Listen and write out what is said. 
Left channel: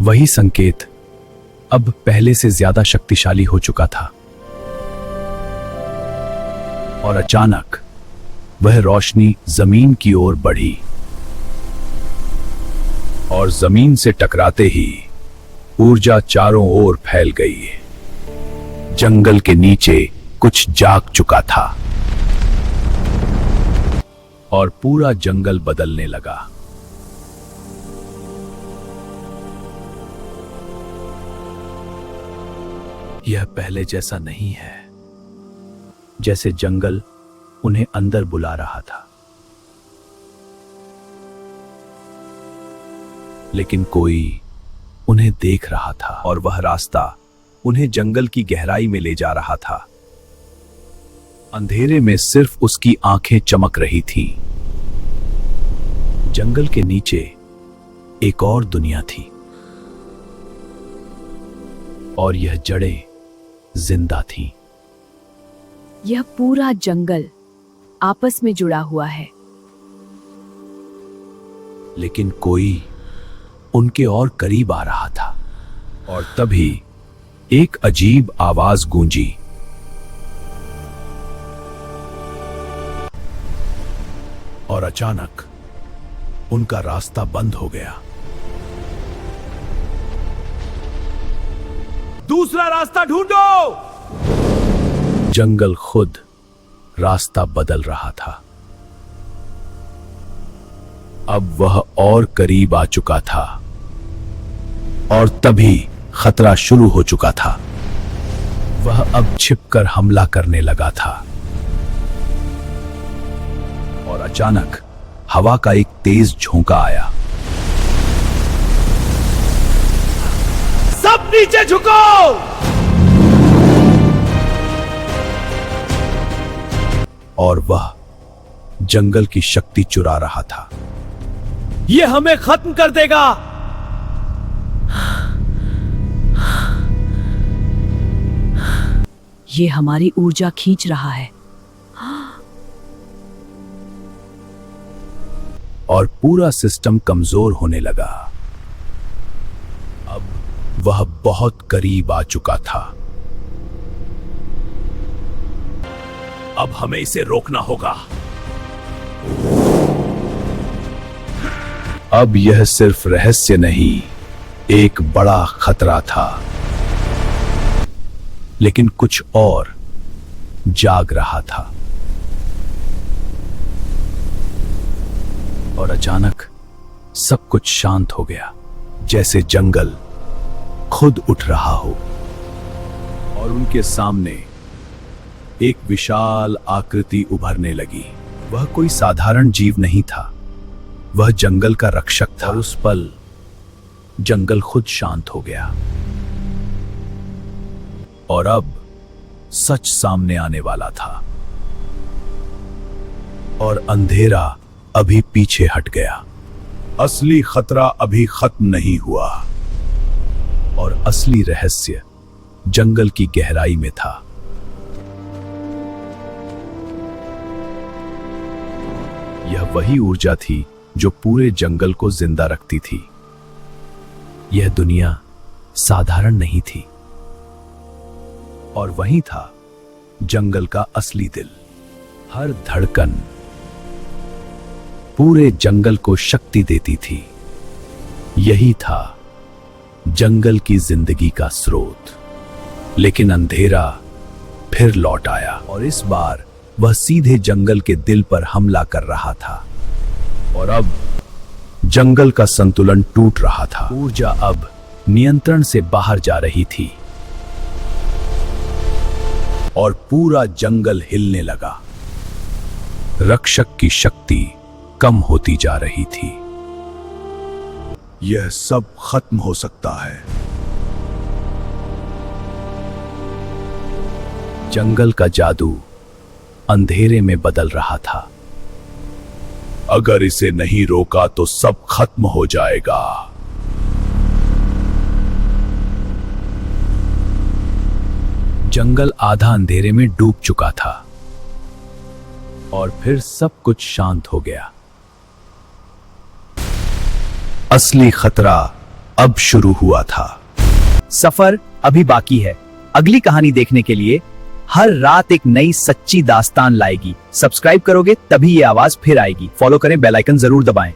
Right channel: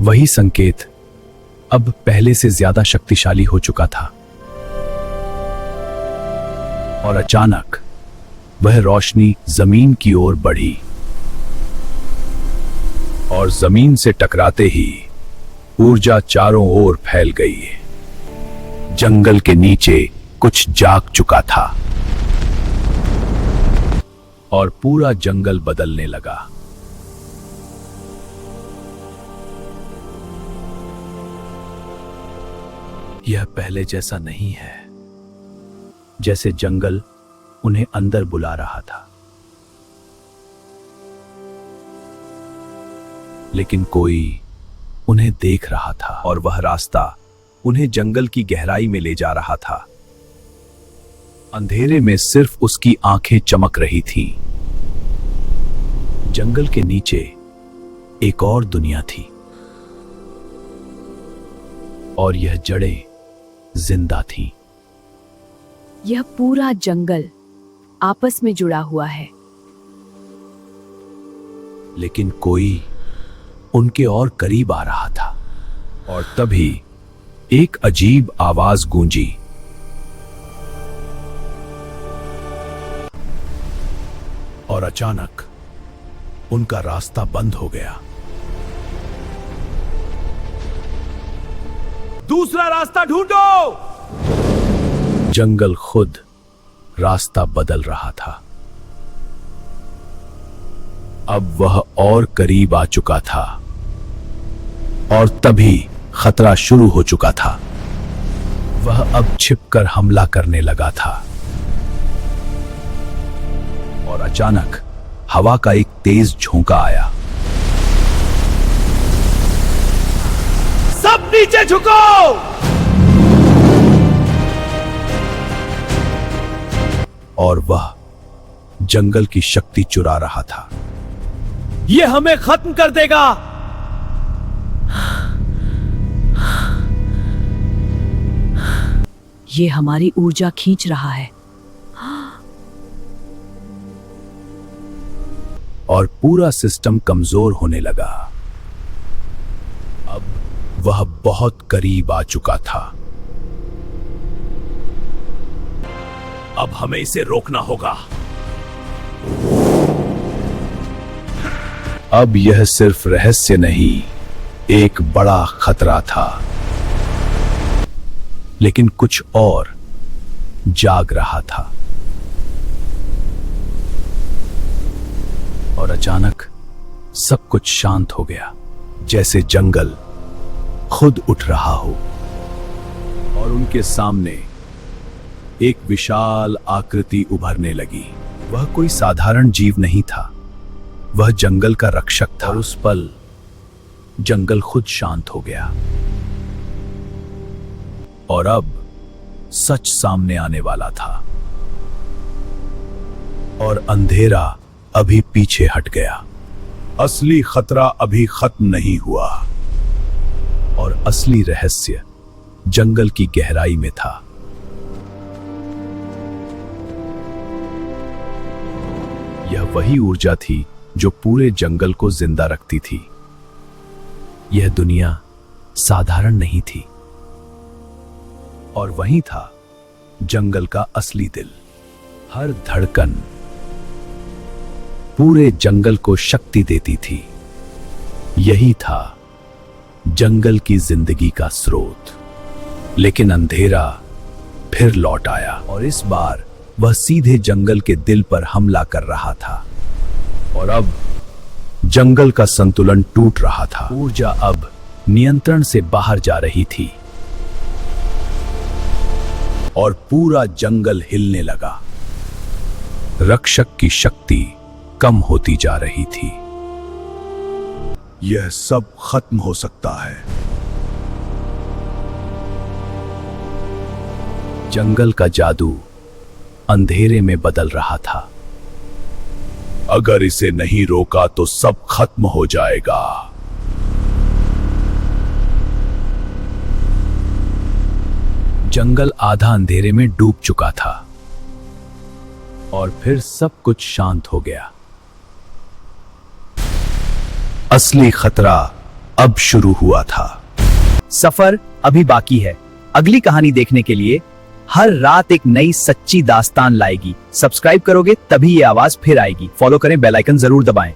वही संकेत अब पहले से ज्यादा शक्तिशाली हो चुका था और अचानक वह रोशनी जमीन की ओर बढ़ी और जमीन से टकराते ही ऊर्जा चारों ओर फैल गई। जंगल के नीचे कुछ जाग चुका था और पूरा जंगल बदलने लगा। यह पहले जैसा नहीं है, जैसे जंगल उन्हें अंदर बुला रहा था, लेकिन कोई उन्हें देख रहा था और वह रास्ता उन्हें जंगल की गहराई में ले जा रहा था। अंधेरे में सिर्फ उसकी आंखें चमक रही थी। जंगल के नीचे एक और दुनिया थी और यह जड़ें जिंदा थीं। यह पूरा जंगल आपस में जुड़ा हुआ है, लेकिन कोई उनके और करीब आ रहा था और तभी एक अजीब आवाज गूंजी। और अचानक उनका रास्ता बंद हो गया। दूसरा रास्ता ढूंढो। जंगल खुद रास्ता बदल रहा था। अब वह और करीब आ चुका था और तभी खतरा शुरू हो चुका था। वह अब छिपकर हमला करने लगा था और अचानक हवा का एक तेज झोंका आया। सब नीचे झुको। और वह जंगल की शक्ति चुरा रहा था। यह हमें खत्म कर देगा। ये हमारी ऊर्जा खींच रहा है। और पूरा सिस्टम कमजोर होने लगा। अब वह बहुत करीब आ चुका था। अब हमें इसे रोकना होगा। अब यह सिर्फ रहस्य नहीं, एक बड़ा खतरा था। लेकिन कुछ और जाग रहा था। और अचानक सब कुछ शांत हो गया, जैसे जंगल खुद उठ रहा हो। और उनके सामने एक विशाल आकृति उभरने लगी। वह कोई साधारण जीव नहीं था, वह जंगल का रक्षक था। और उस पल जंगल खुद शांत हो गया और अब सच सामने आने वाला था। और अंधेरा अभी पीछे हट गया। असली खतरा अभी खत्म नहीं हुआ और असली रहस्य जंगल की गहराई में था। यह वही ऊर्जा थी जो पूरे जंगल को जिंदा रखती थी। यह दुनिया साधारण नहीं थी और वही था जंगल का असली दिल। हर धड़कन पूरे जंगल को शक्ति देती थी। यही था जंगल की जिंदगी का स्रोत। लेकिन अंधेरा फिर लौट आया और इस बार वह सीधे जंगल के दिल पर हमला कर रहा था। और अब जंगल का संतुलन टूट रहा था। ऊर्जा अब नियंत्रण से बाहर जा रही थी और पूरा जंगल हिलने लगा। रक्षक की शक्ति कम होती जा रही थी। यह सब खत्म हो सकता है। जंगल का जादू अंधेरे में बदल रहा था। अगर इसे नहीं रोका तो सब खत्म हो जाएगा। जंगल आधा अंधेरे में डूब चुका था और फिर सब कुछ शांत हो गया। असली खतरा अब शुरू हुआ था। सफर अभी बाकी है। अगली कहानी देखने के लिए हर रात एक नई सच्ची दास्तान लाएगी। सब्सक्राइब करोगे तभी ये आवाज फिर आएगी। फॉलो करें, बेल आइकन जरूर दबाएं।